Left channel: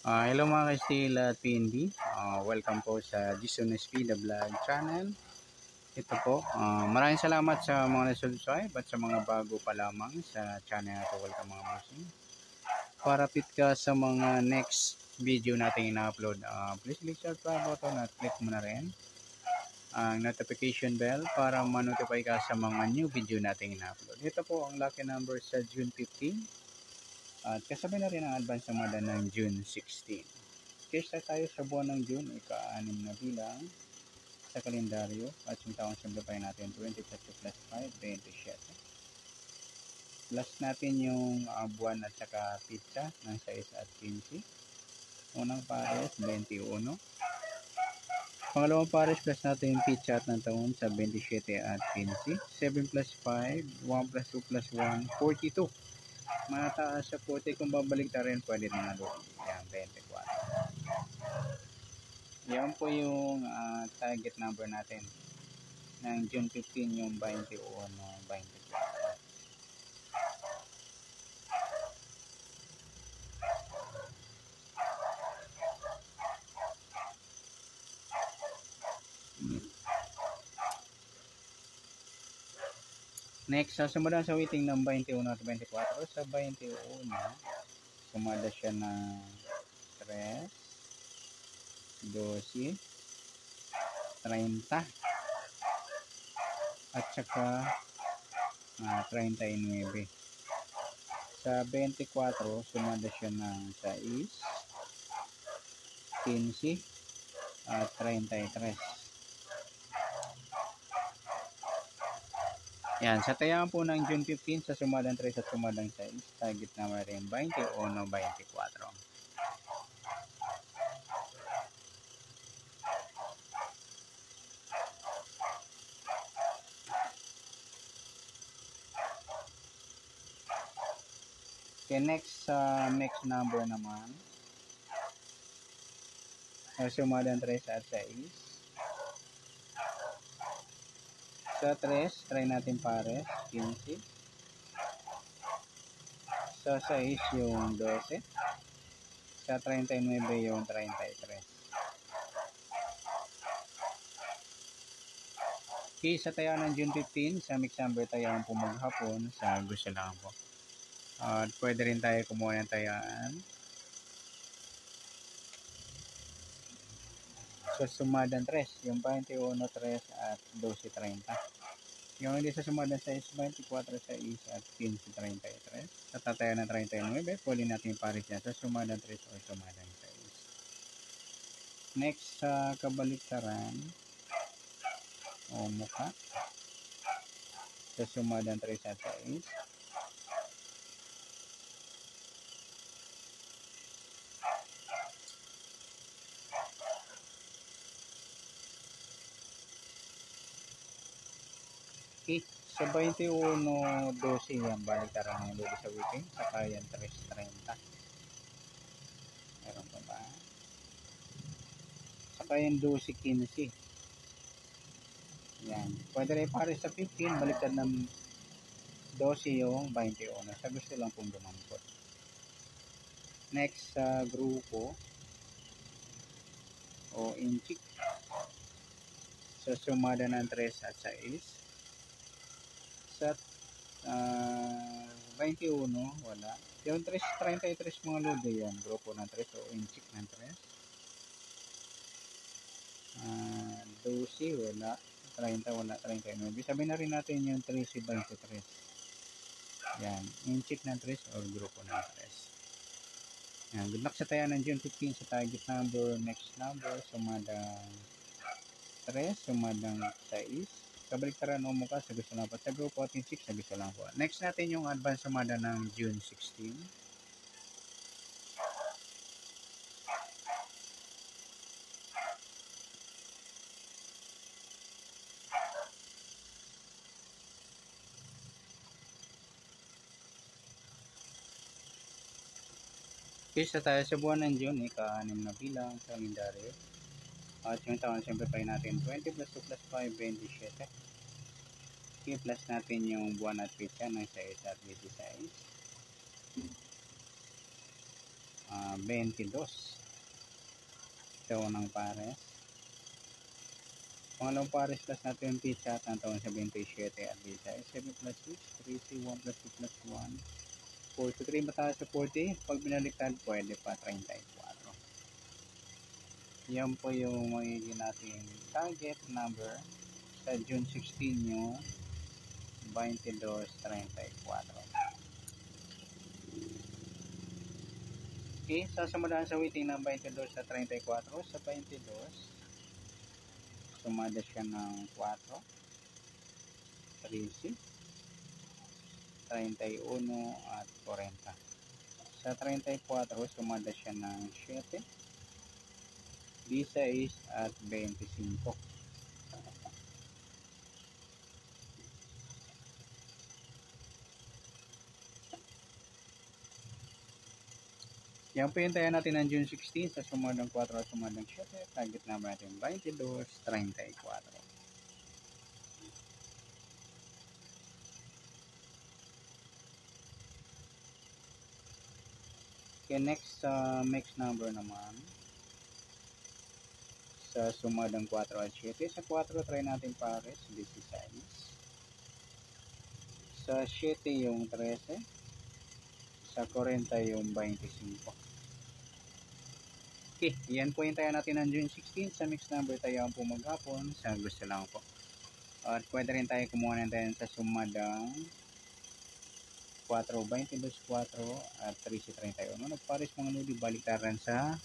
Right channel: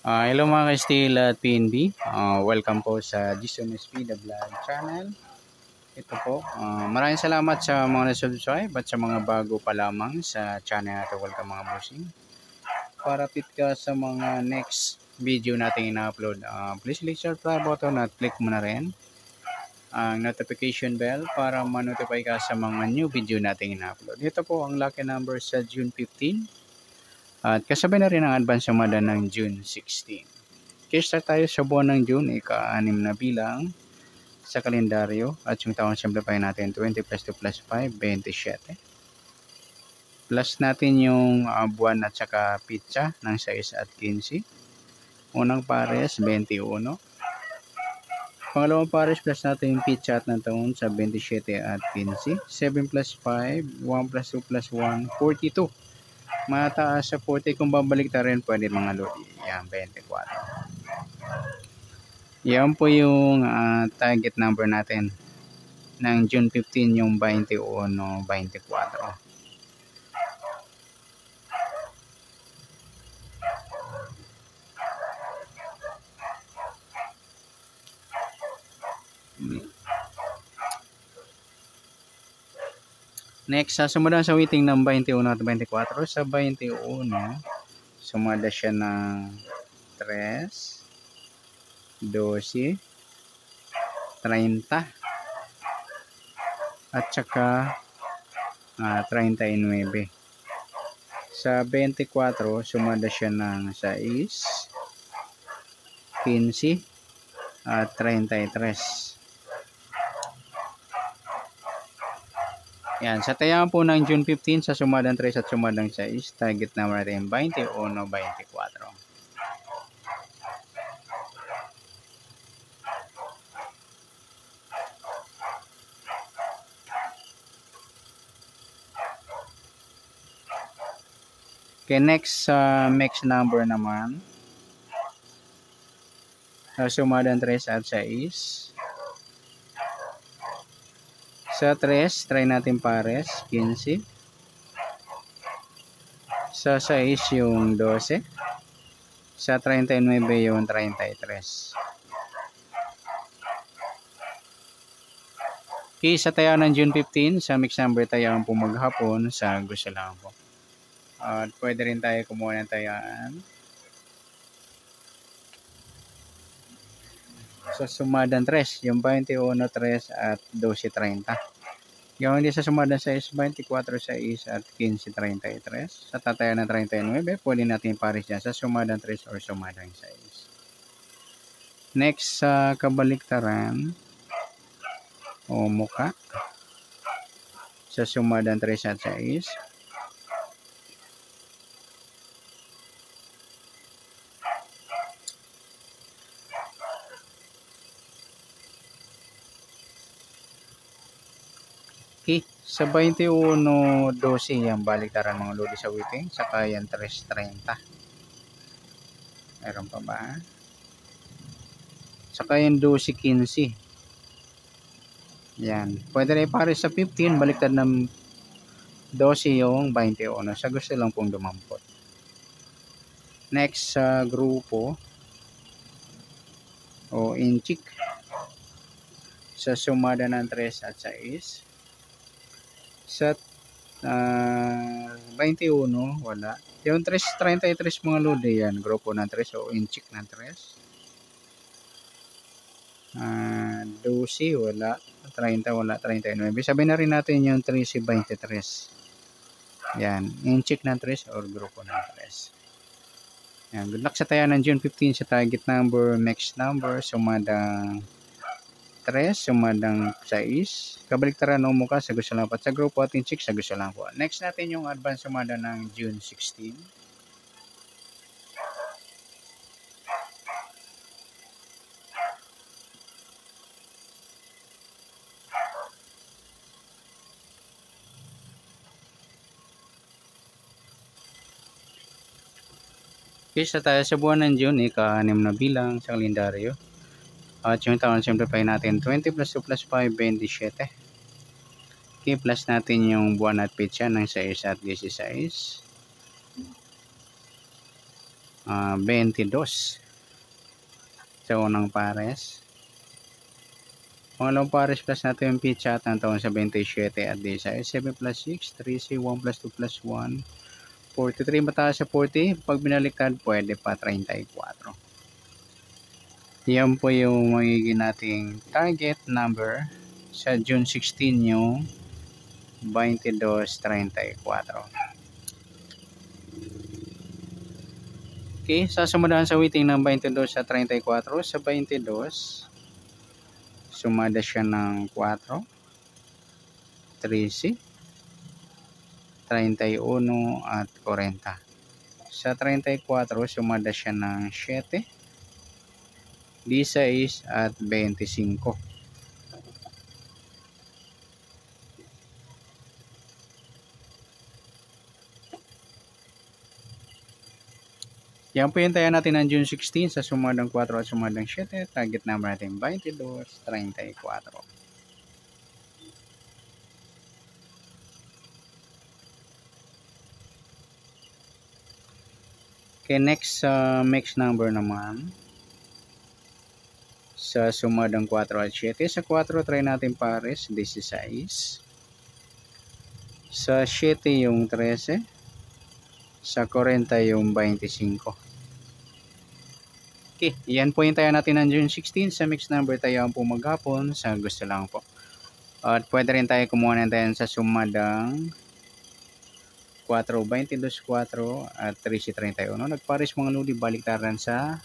Hello mga ka-Steel at PNB. Welcome po sa Jason SP The Vlog Channel. Ito po, maraming salamat sa mga na-subscribe at sa mga bago pa lamang sa channel natin. Welcome mga bossing. Para update ka sa mga next video natin ina-upload, please click subscribe button at click mo na rin ang notification bell para ma-notify ka sa mga new video natin ina-upload. Ito po ang lucky number sa June 15. At kasabay na rin ang advance sumada ng June 16. Okay, start tayo sa buwan ng June, ika-6 na bilang sa kalendaryo. At yung taon simplify natin, 20 plus 2 plus 5, 27. Plus natin yung buwan at saka pitsa ng 6 at 15. Unang pares, 21. Pangalawang pares plus natin yung pitsa at ng taon sa 27 at 15. 7 plus 5, 1 plus 2 plus 1, 42. Mataas sa 40 kung babalik ta rin pwede mga lodi. Yan, 24. Yan po yung target number natin ng June 15, yung 21, 24. Next, sumunod sa waiting ng 21 at 24. Sa 21, sumada siya ng 3, 12, 30, at saka 39. Sa 24, sumada siya ng 6, 15, at 33. Yan, sa tayaan po ng June 15 sa sumadang 3 at sumadang 6, target number natin 21, 24. Okay, next mix number naman. Sa sumadang 3 at 6. Sa 3, try natin pares, 15. Sa 6, yung 12. Sa 39, yung 33. Okay, sa tayo ng June 15, sa mix number tayo po maghapon sa gusto lang po. At pwede rin tayo kumuha ng tayaan. Sa sumadang 3, yung 21, 3 at 12, 30. Yung hindi sa sumadang 6, 24, 6 at 15, 33. Sa tatayan ng 39, pwede natin pares dyan sa sumadang 3 or sumadang 6. Next, sa kabaliktaran o muka. Sa sumadang 3 at 6. Okay, sa 21, 12 yan baliktaran mga lodi sa waiting. Saka yan 3.30. Meron pa ba? Saka yan 12, 15. Yan. Pwede rin pare sa 15, baliktad ng 12 yung 21. Sa gusto lang pong dumampot. Next sa grupo o inchik. Sa sumada ng 3 at 6. Sa 21, wala. Yung 33 mga lodi yan. Grupo ng 3 o inchik ng 3. 12, wala. 30, wala. 39. Sabihin na rin natin yung 13, 23. Yan. Inchik ng 3 or grupo ng 3. Yan. Good luck sa tayo ng June 15 sa target number, next number, sumadang 3, sumadang 6. Kabaliktaran o mukha sa gusto lang po. At sa grupo at inchik sa gusto lang po. Next natin yung advance sumada ng June 16. Isa tayo sa buwan ng June, ika-6 na bilang sa kalendaryo. At yung taon simplify natin, 20 plus 2 plus 5, 27. Okay, plus natin yung buwan at pitsa ng 6 at 16. 22 sa unang pares. Pangalawang pares plus natin yung pitch at ang taon sa 27 at 16. 7 plus 6, 3C, 1 plus 2 plus 1, 43. Mataas sa 40. Pag binaliktad, pwede pa 34. Yan po yung magiging nating target number sa June 16 yung 22.34. Okay, sasumadahan sa weighting ng 22 sa 34. Sa 22, sumada siya ng 4, 13, 31 at 40. Sa 34, sumada siya ng 7, 16 at 25. Yan po yung tayo natin ng June 16 sa sumadang 4 at sumadang 7. Target number natin 22.34. Okay, next mix number naman. Sa sumadang 4 at 7. Sa 4 try natin pares 16. Sa 7 yung 13. Sa 40 yung 25. Okay, yan po yung tayo natin ng June 16. Sa mix number tayo ang po maghapon sa gusto lang po. At pwede rin tayo kumuha na tayo sa sumadang 4, 22, 4 at 13, 31. Nagpares mga lodi baliktaran sa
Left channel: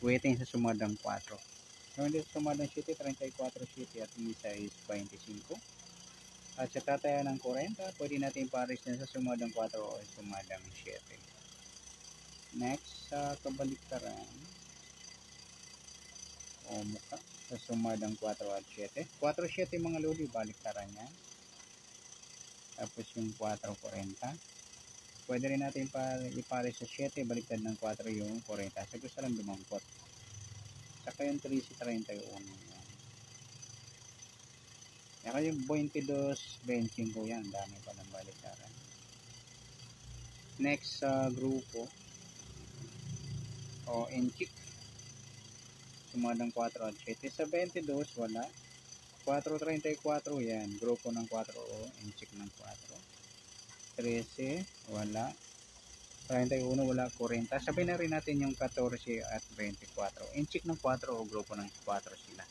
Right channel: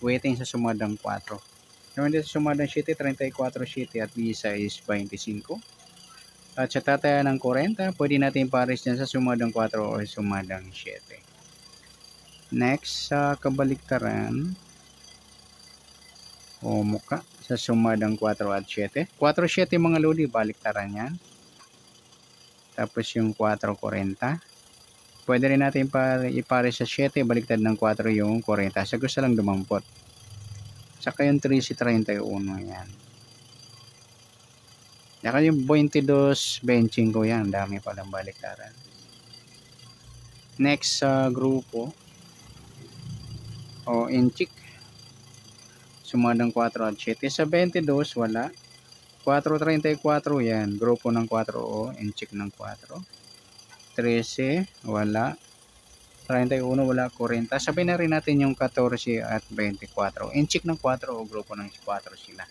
weighting sa sumadang 4. Naman dito sa sumadang 7, 34, 7 at isa is 25. At sa tataya ng 40, pwede natin pares dyan sa sumadang 4 o sumadang 7. Next, sa kabaliktaran o muka sa sumadang 4 at 7. 4, 7 mga lodi, baliktaran yan. Tapos yung 4, 40. Pwede rin natin ipare sa 7, baliktad ng 4 yung 40. Sa gusto lang dumampot. Saka yung 3 si 31 yan. Saka yung 22, 25 yan. Dami palang baliktaran. Next sa grupo o inchik. Sumadang 4 at 7. Sa 22, wala. 4.34 yan. Grupo ng 4 o inchik ng 4. 13, wala. 31, wala. 40. Sabay na rin natin yung 14 at 24. Inchik ng 4 o grupo ng 4 sila.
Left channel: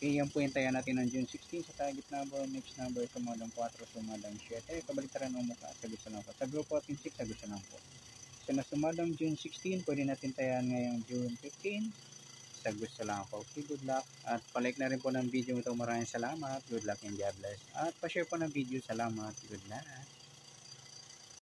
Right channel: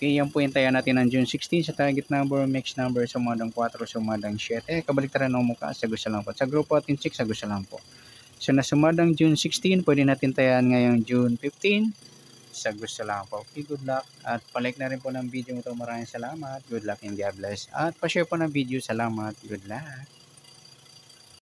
Okay, yan po yung tayo natin ng June 16 sa target number, mix number, sumadang 4, sumadang 7. Kabaliktaran ng mukha, sa gusto lang po. Sa grupo at inchik, sa gusto lang po. So, na sumadang June 16, pwede natin tayan ngayong June 15. Sa gusto lang po. Okay, good luck. At palike na rin po ng video ito. Maraming salamat. Good luck and God bless. At pa-share po ng video. Salamat. Good luck.